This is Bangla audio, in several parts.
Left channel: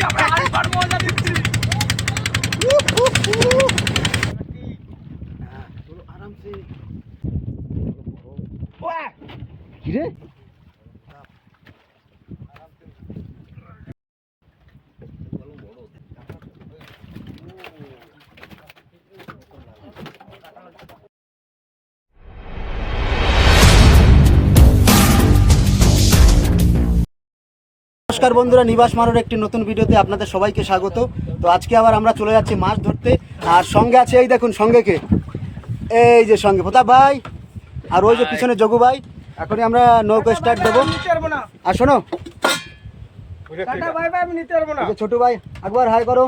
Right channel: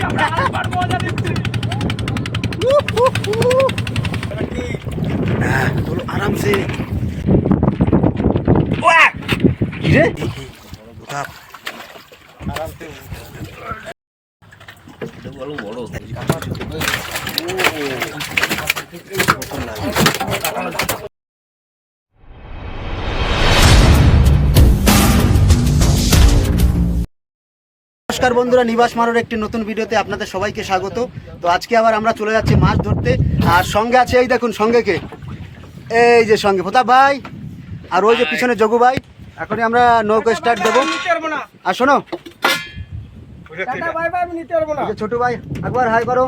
আমরা হালপার মজা হ্যাঁ তোলো আরামসে কি রে নমস্কার বন্ধুরা নিবাস মারোর একটি নতুন ভিডিওতে আপনাদের সবাইকে স্বাগত। তো আজকে আবার আমরা চলে যাচ্ছি মাছ ধরতে। আর সঙ্গে আছে এই দেখুন সঙ্গে কে? এই যে সঙ্গে প্রতাপ ভাই। আর ওই যে পিছনে জগু ভাই। এখনই আমরা নৌকো স্টার্ট দেবো। আর শোনো। ছোটু ভাই একবার হাই করো।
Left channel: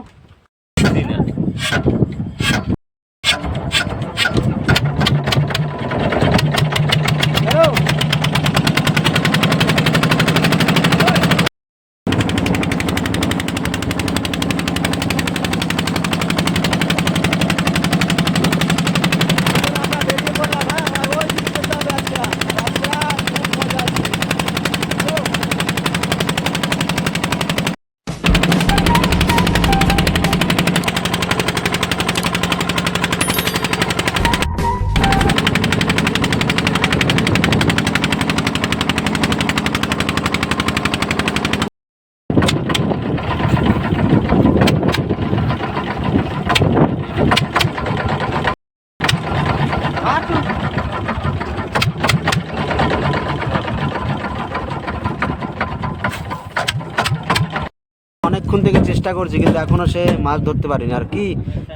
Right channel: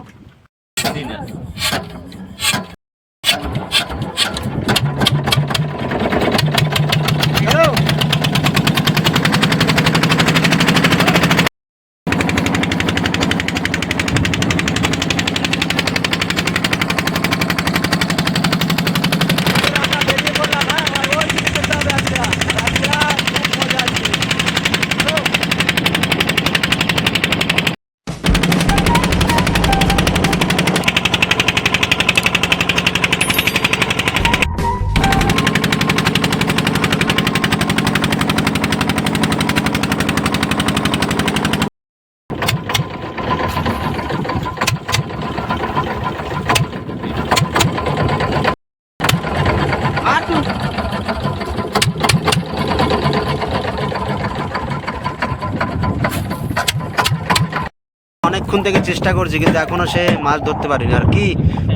অনেকক্ষণ থেকে চেষ্টা করছি, কিন্তু এখনও সে মাছ ধরতে পারিনি। আর কি?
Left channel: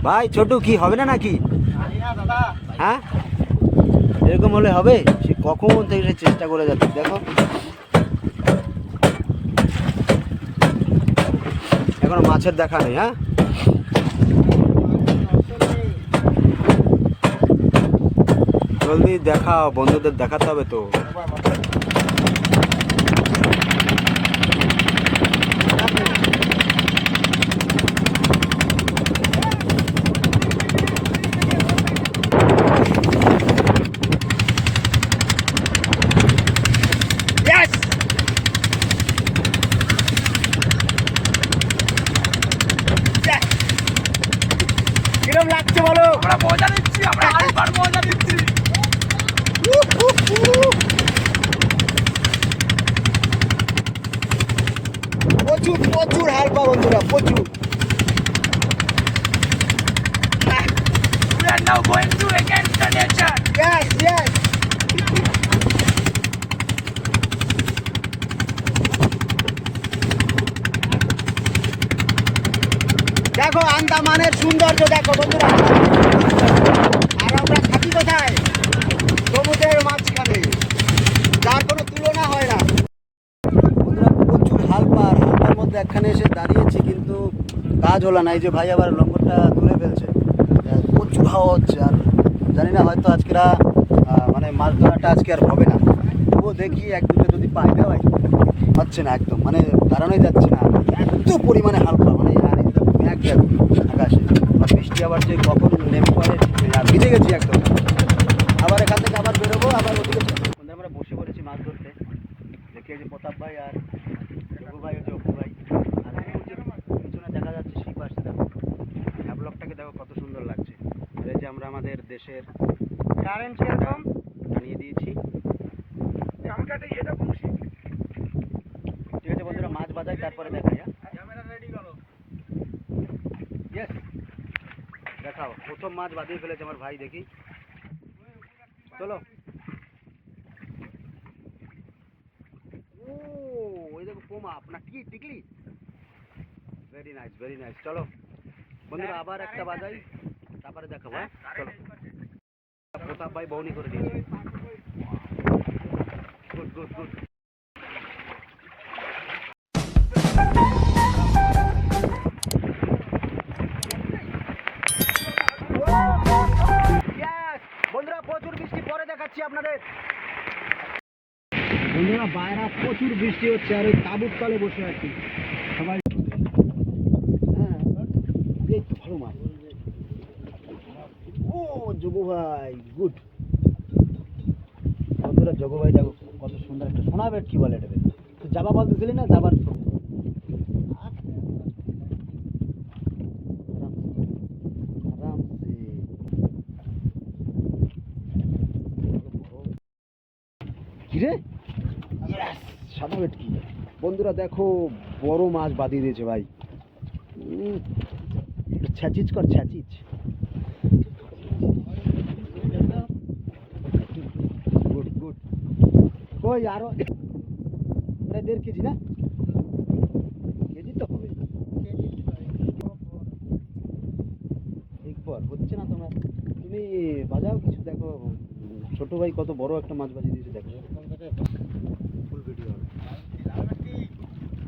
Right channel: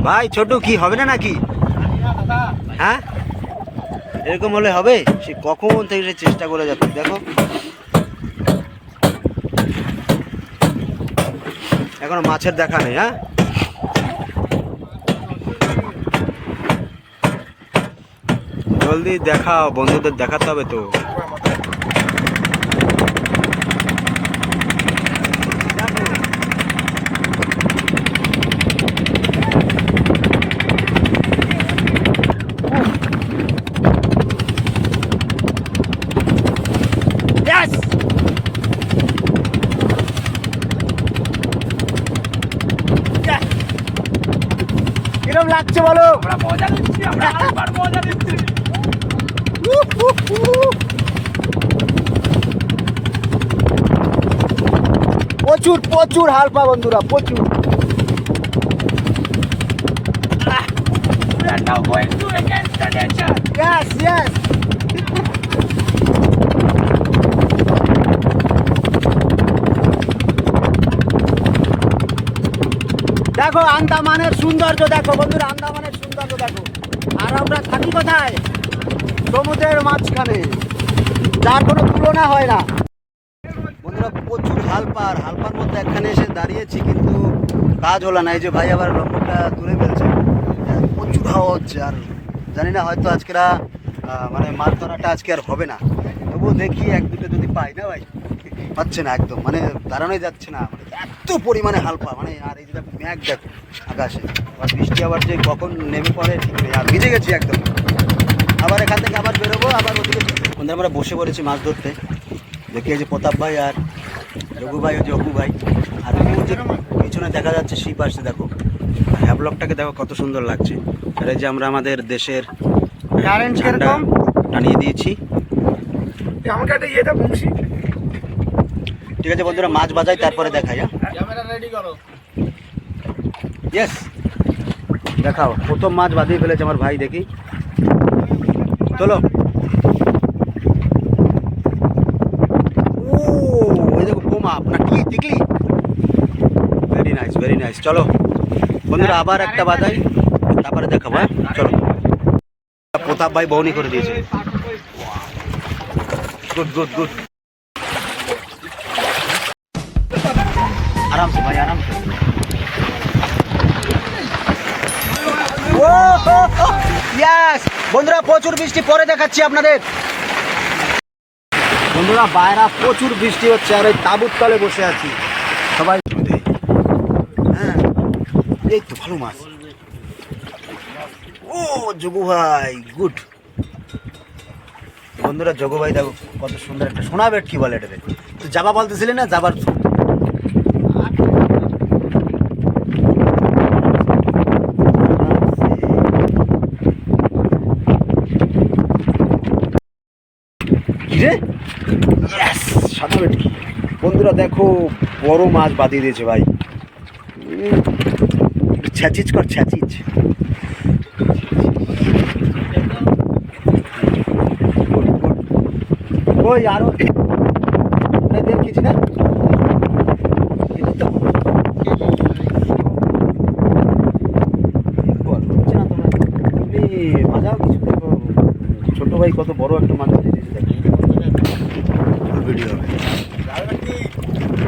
ভাই, ছোট, কি হবে না নাকি? হ্যাঁ? এরকম হলে হবে? সে কখন থেকে সে চেষ্টা করে যাচ্ছে, দেখো। এখনও মাছের দেখা নেই হ্যাঁ? জলদি দেখাও, বন্ধুদের দেখাতে হবে তো Yes! Yes! কিরম লাগছে বলো। মজা দিচ্ছি আমরা হালপার মজা দিচ্ছি প্রচুর প্রচুর হালপা বন্ধুরা প্রচুর। We are now going to against the nature. Yes, yes দেখো, আন্দামানের সৌন্দর্য দেখো, বন্ধুরা। আর আমরা থাকি কোথায়? সমুদ্রের মাঝখানে। যার কোনো তুলনা হয় না। বন্ধুরা, প্রচুর হালপার। হালপার মধ্যে একখানে এসে দাঁড়িয়েছি, কিন্তু কাজ হলো না। এই যে ভাই আবার লম্বটা তুলে ফেলছে। প্রচুর হাওয়া হচ্ছে, আর জানি না, হয়তো আজকেরা মানে মাছ ধরাটা আজকে আর হবে না। তবুও দেখি এক দুটো যদি পাই না ভাই হচ্ছে না একদম মানে দাঁড়ানোই যাচ্ছে না। এত পরিমাণে হালকা মানে আর যে দেখো আকাশে। আর বৃষ্টি আবার যে কখন নেমে পড়ে ঠিক নেই। আর ভিজে গেছি একদম। আবার এখান থেকে আবার বেরোবো আবার ওদিকে বন্ধুরা আমরা বসে পড়েছি মাছ ধরতে। দেখি যে প্রতাপ ভাই আর রঘু ভাই যে অপু ভাই। আর যে পিছনে দেখা যাচ্ছে শিপ আসছে দেখো। আর হ্যাবলকটাকে দেখো কত সুন্দর লাগছে। আর এই যে আমরা আমাদের দেশের ঝান্ডা টানিয়ে দিয়েছি। ঠিক আছে বন্ধুরা মাছ বাজাই তারপরে দেখাই হ্যাঁ। ক্যামেরা রেডি করো। ইয়েস দেখাও। প্রথম মাছ বাঁধিয়ে ফেলেছে আমার ভাই, দেখি। চলো। ও, এই দেখো আপনার কি দেখলি ভেরি নাইস ভেরি নাইস চলো। বন্ধুরা, আবার একটা বাজাই তারপরে দেখাবো হ্যাঁ? চলো। প্রতাপ ভাই বৌনি করে দিয়েছে। গুড গুড গুড বন্ধুরা, প্রচুর বৃষ্টি পরে দেখাচ্ছি আপনাদের। বন্ধুরা, বাইরা, প্রচুর বৃষ্টি হচ্ছে, আর ওই তাবুর তলে বসে আছি। সবাই হ্যাঁ এই তো ভালো মাছ। ও যোগু ভাই, গুড। বন্ধুরা যোগু ভাই দেখো, কত সুন্দর একটা সোনা বেট কি বলে এটাতে তো জাবা বলতেছিলি না, যাবার রে Yes! সাদা ভেটকি বন্ধুরা, দেখো, বড় মাছ বাঁধিয়ে দিয়েছে ভাই। ছ্যাচিচ কর ছ্যাচিচ. ওই আরও কেজি না? ছোট ভাই কত বড় একটা মাছ দিয়ে দিয়েছে। ভিডিও হবে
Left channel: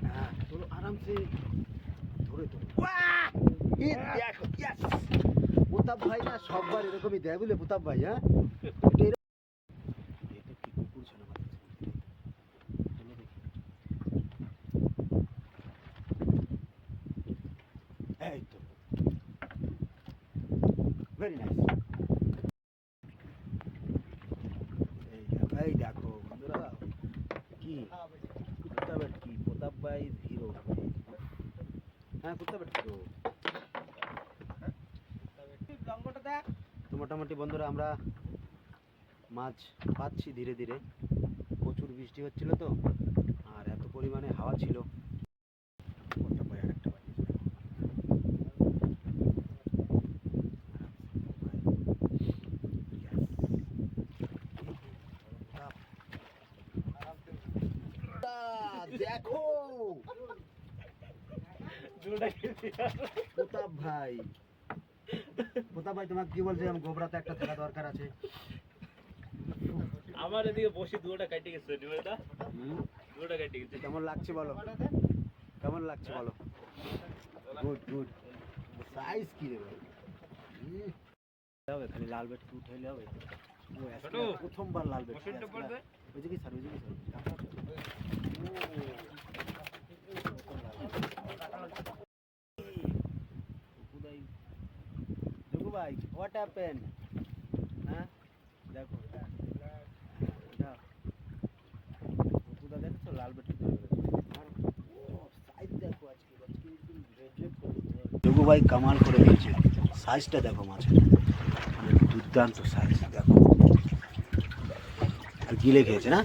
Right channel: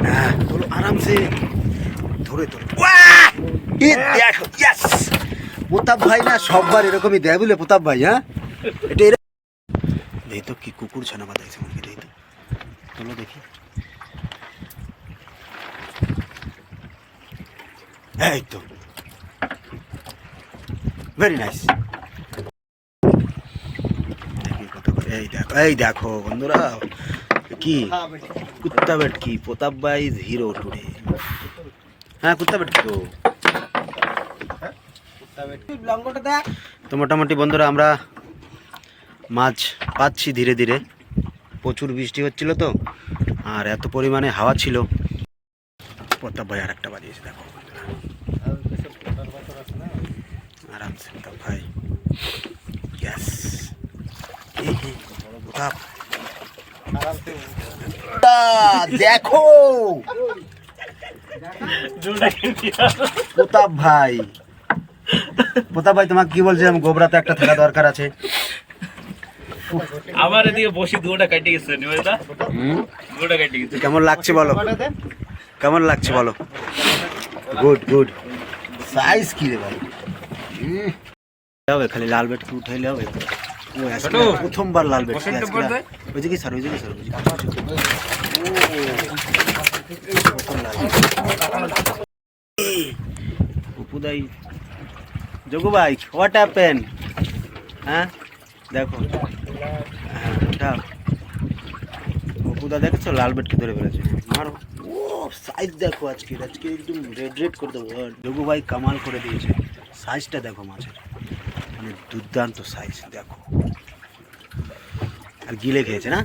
হ্যাঁ আরামসে ধরে ধরে। দেখো ইয়েস প্রতাপ ভাই না, সববার এরকমই দেয় বুঝলে, প্রতাপ ভাই হ্যাঁ? এটা এই তো কি কুকুর ছানা আমাকে, এই তো। চলো দেখি। এই তো। ভেরি নাইস এই দেখো এই দেখো বন্ধুরা। কি? কুত্তা বেট কি প্রতাপ ভাই হিরো টুডে হ্যাঁ কুত্তা বেট তো। তো মোটামুটি বন্ধুরা আমরা মাছ পাচ্ছি ধীরে ধীরে। প্রচুর বৃষ্টি হচ্ছিল তো, আর এত পরিমাণে হাওয়া ছিল। প্রতাপ ভাই আর একটা বাজিয়েছে দেখো। আরামসে ভাই। ইয়াস প্রতাপ। দেখো। প্রতাপ ভাই। প্রতাপ ভাই তোমাকে কি বলছিলাম? গোবরাতে একটা থাকা দরকার আছে। আমার এদিকে বসি দুটা কাটে গেছে দুটা কাটে গেছে। কেমন লাগছে বলো? কেমন লাগছে বলো? গুড গুড সাইজ কি রে ভাই? খালি লাল বেট কি উঠাইলে হবে। প্রথমবার লাল বেট বসন্ত ওই যে কি স্যার ওই যে কি স্যার অপুদাই যোগু ভাই হোয়াট হ্যাপেন হ্যাঁ? দেখো। হ্যাঁ অপুদা দেখেছ? লাল বেটকে ধরে ফেলেছে। আমার ও সাইজ দেখো আজকে। আজকে একদম রেড রেড করে দেবো। যোগু ভাই কামাল করে দিয়েছে। সাইজটা দেখো মাছের। মানে দুর্দান্ত সাইজ দেখো। আর গিলে খেয়েছে না?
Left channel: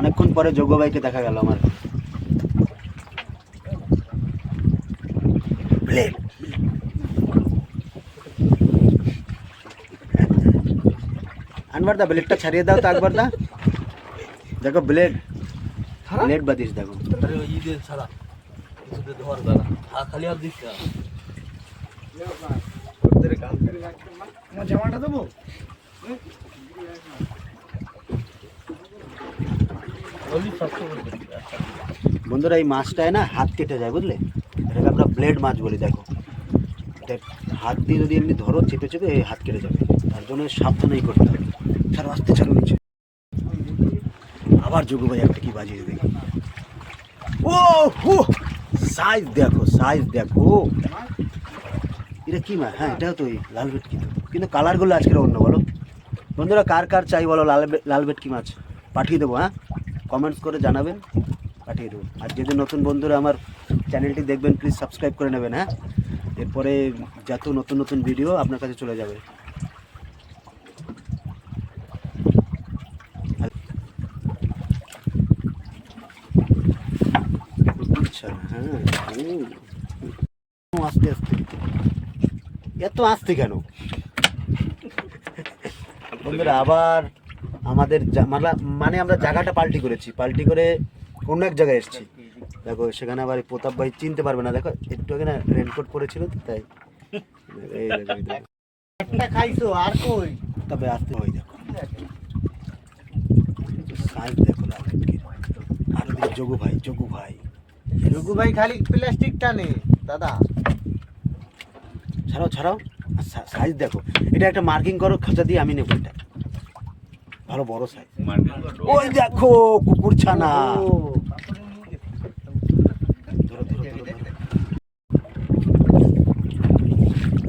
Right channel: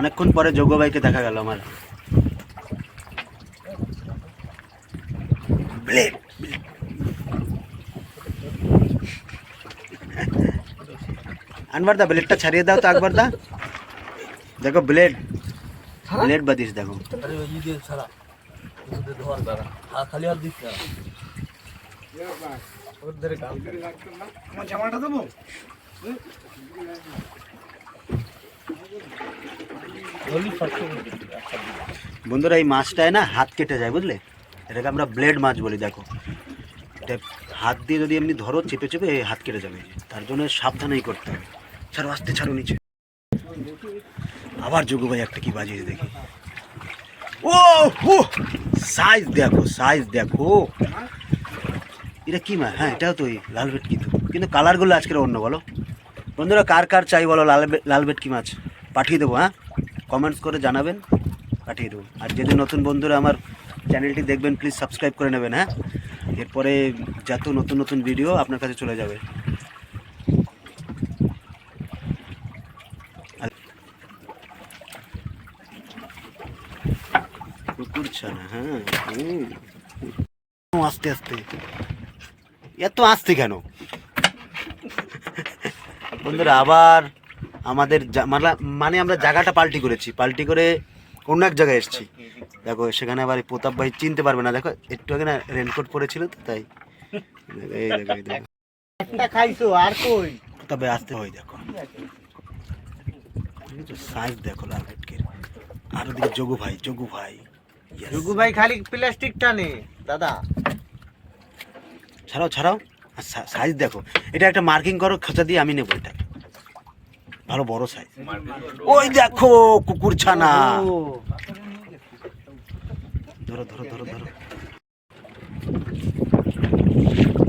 অনেকক্ষণ পরে যোগ্য ভাইকে দেখা গেল আমার। ব্লেড। আনবার দা ব্লেডটা ছাড়িয়ে দাও তো একবার দা দেখো ব্লেড। ব্লেড বাদিস দেখো। বন্ধুরা এই মাছটায় না হাত কেটে যায় বুঝলে? এটাকে আমরা ব্লেড মাছ বলি দেখো। এটা হাত দিয়ে যদি এমনি ধরো চেপে চেপে এই হাত কেটে যাবে। তার জন্য সাবধানেই করতে হবে। ছাড়ো আসতে ছাড়ো নিচে। আবার যোগু ভাই একটা কি বাজিয়েছে দেখি। ও হো সাইজ দেখো সাইজ দেখো। এটা কি মাছ হ্যাঁ এটাও তো লাল ভেটকি তো। কিন্তু কালারগুলো আজকের অন্য, বলো। বন্ধুরা, কার কার চাই বলো লাল লাল ভেটকি মাছ? পাঠিয়ে দেবো হ্যাঁ? কমেন্টস করে জানাবেন, পাঠিয়ে দেবো। আর যদি নতুন বন্ধুরা আমার চ্যানেলটি দেখবেন প্লিজ সাবস্ক্রাইব করে নেবেন হ্যাঁ? এরপরে যত নতুন নতুন ভিডিও আপনার কাছে চলে যাবে। কুকুর হ্যাঁ। আস্তে আস্তে। এত আস্তে কেন? বন্ধুরা আবার আমাদের মানে আমরা জায়গাটা পাল্টি করেছি। পাল্টি করে অন্য এক জায়গায় এসেছি। দেখো সেখানে আবার এই প্রতাপ ভাই চিনতে পারবে না। দেখো একটু আগে না রেনকোট পরেছিল তো তাই। এই দেখো এই দেখো। খাইছো আর কই? তবে আসতে হয় দেখো। সাইজ দেখো লাল আর ওদিকে যোগু ভাই যোগু ভাই। Yes. ভাই খালি প্লাস্টিক টানে দাদা। ছাড়াও ছাড়াও সাইজ দেখো। এটা একটা মার্কিং করো খাঁচা দিয়ে আমি নেব এটা। ভালো বড় সাইজ ওই দেখো কুকুর ছানা। ধরো ধরো ধরো ধরো।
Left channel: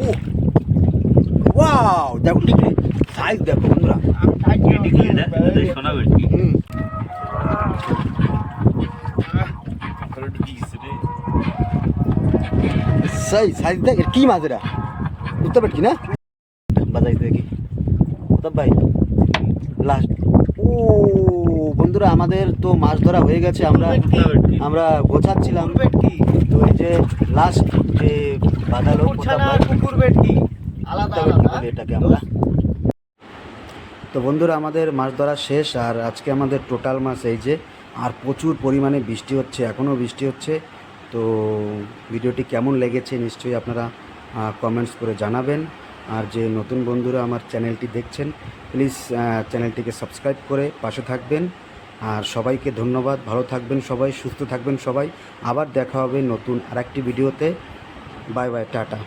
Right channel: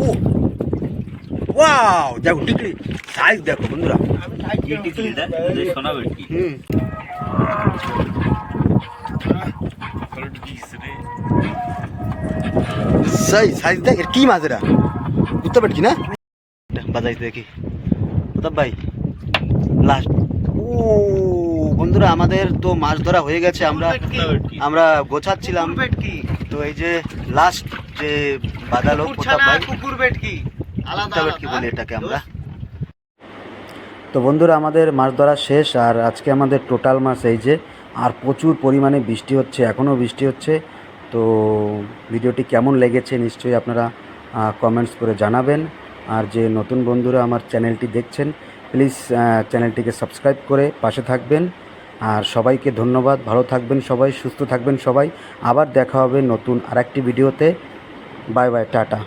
ও! ওয়াও! দেখো টিকলি। সাইজ দেখো বন্ধুরা। হুম। সেই সাইজ দেখ কি মাছ এরা বুঝতে পারছি না বাজাইতে দেখি প্রতাপ ভাই লাস্ট ও বন্ধুরা আমাদের তো মাছ ধরা হয়ে গেছে আমরা আমরা গোছাচ্ছিলাম তো এই যে লাস্ট যে বাদালো প্রতাপ ভাই কুকুর বেটকি ভেটকি বলি এটাকে আমরা তো বন্ধুরা আমাদের মাছ ধরা শেষ আর আজকে আমাদের টোটাল মাছ এই যে আর প্রচুর পরিমাণে বৃষ্টি হচ্ছে এখনও বৃষ্টি হচ্ছে তো ভিডিওটি কেমন লেগেছে নিশ্চয়ই আপনারা কমেন্টস করে জানাবেন। আর যে নতুন বন্ধুরা আমার চ্যানেলটি দেখছেন প্লিজ চ্যানেলটিকে সাবস্ক্রাইব করে পাশে থাকবেন। আর সবাইকে ধন্যবাদ, ভালো থাকবেন সবাই, সুস্থ থাকবেন সবাই। আবার দেখা হবে নতুন আরেকটি ভিডিওতে। Bye bye tata.